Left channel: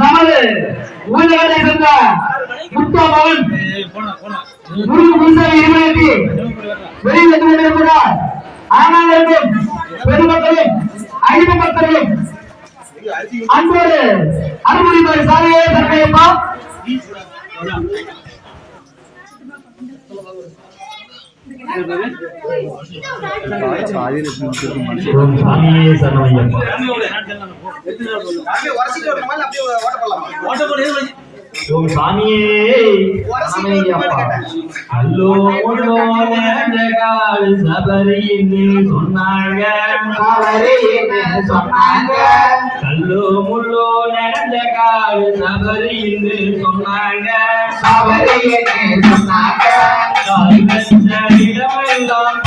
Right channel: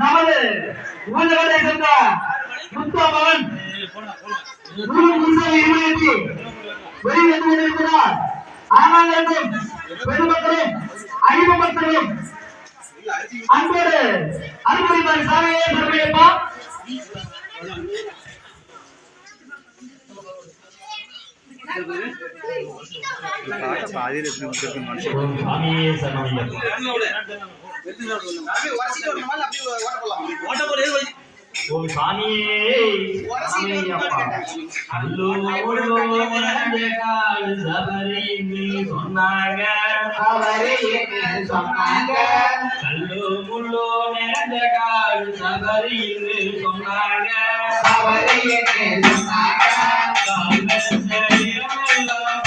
நமது ஊழலை சேர்ந்த முத்தமகன் வெளியில் கொண்டிருக்கிறார். ஆனாலும் பெருமக்களும் ஐம்பத்தர்களும் அன்போடு அனுமதிப்பார். சாமியே சரணையப்பா. ஓம் சாமியே அல்லோ சபரின்னு சொன்னாங்க, கல்லோ முள்ளோ நிறைஞ்ச காடு சபரின்னு சொன்னாங்க, இடமெல்லாம்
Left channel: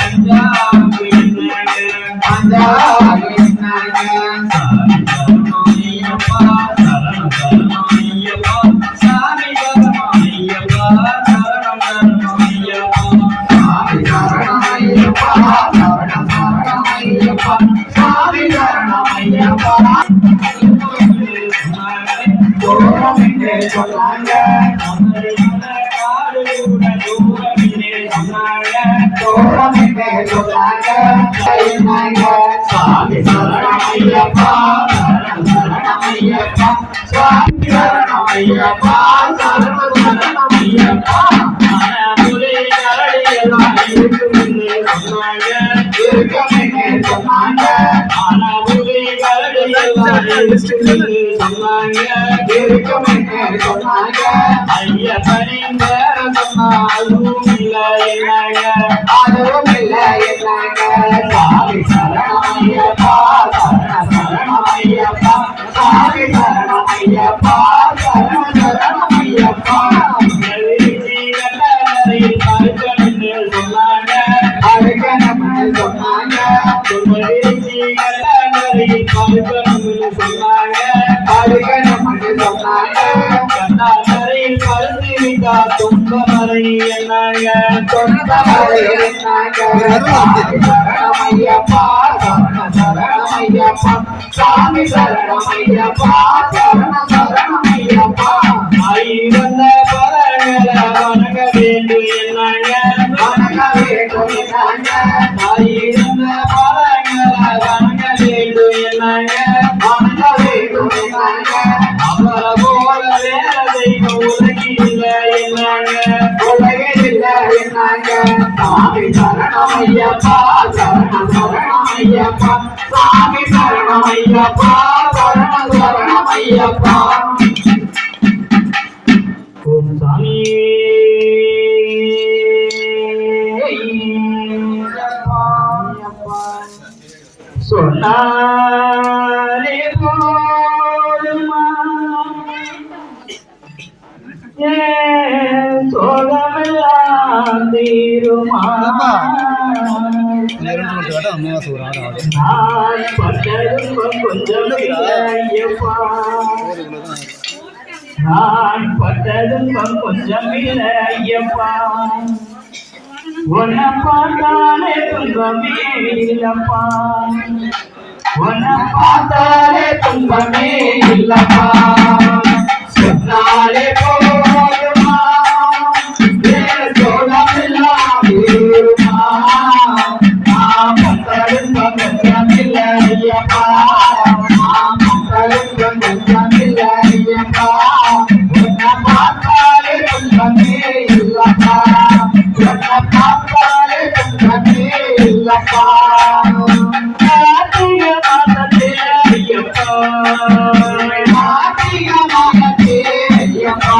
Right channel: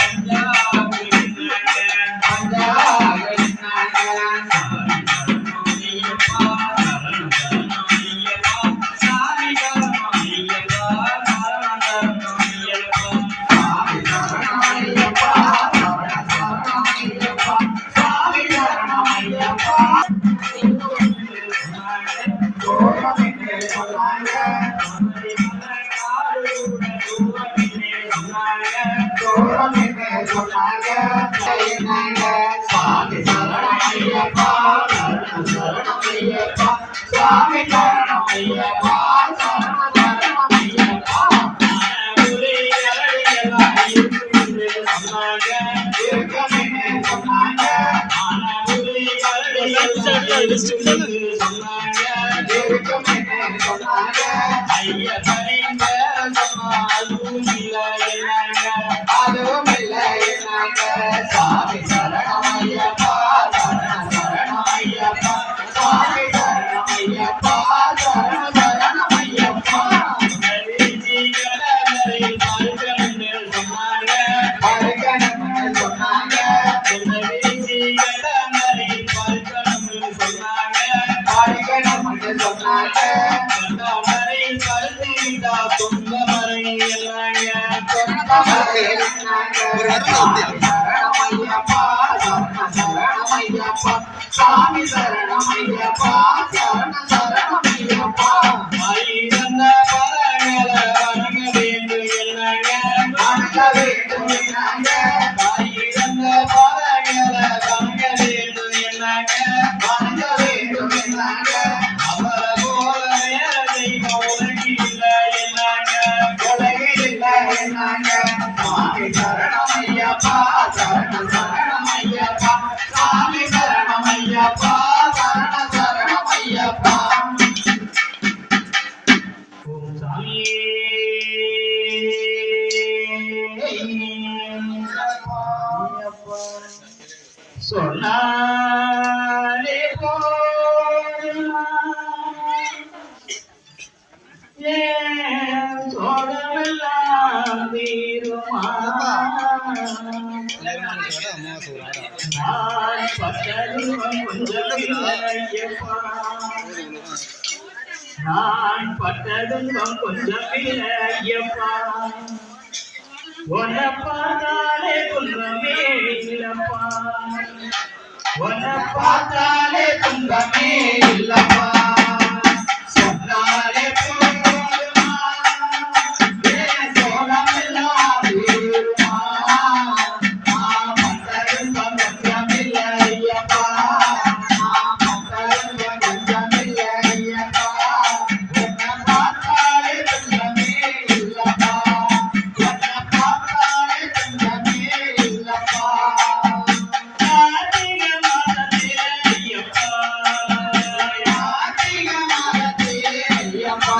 சாமி சரணமையப்பா, சரணமையப்பா, சுவாமி சரணமையப்பா, சரணமையப்பா. ஐயப்பனின் சொன்னாலும் அதுவும் இல்லை என்னங்க. சாமி சரணமையப்பா, சரணமையப்பா, சாமி சரணமையப்பா, சரணமையப்பா. சாமி சரணமையப்பா, சரணமையப்பா. ஆயிரந்த பரங்கள வணங்க வேண்டும் என்னாங்க, வணங்க வேண்டும் என்னாங்க. ஆயிரந்த பரங்கள வணங்க வேண்டும் என்னாங்க, வணங்க வேண்டும் என்னாங்க. அவர போல வேற தெய்வம் உலகில் என்னாங்க, உலகில் என்னாங்க. சாமி சரணமையப்பா, சரணமையப்பா, சாமி சரணமையப்பா, சரணமையப்பா. ஓம் சாமி சொன்னாலே போதுமா சோழமெல்லாம் தீருமா. நான் பட்டதும் கொஞ்சம் இல்லை ஐயப்பா, உன்னை பார்த்தாலே துன்பமே இல்லப்பா, உன்னை பார்த்தாலே துன்பமே இல்லப்பா. சொன்னாலே போதுமா சோழமெல்லாம் தீருமா. நான் பட்டதும் கொஞ்சம் இல்லை ஐயப்பா, நான் பட்டதும் கொஞ்சம் இல்லை ஐயப்பா. உன்னை பார்த்தாலே துன்பமே இல்லப்பா, உன்னை பார்த்தாலே துன்பமே இல்லப்பா. ஐயப்பா, ஐயப்பா.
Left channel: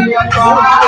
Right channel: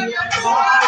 ஐயப்பா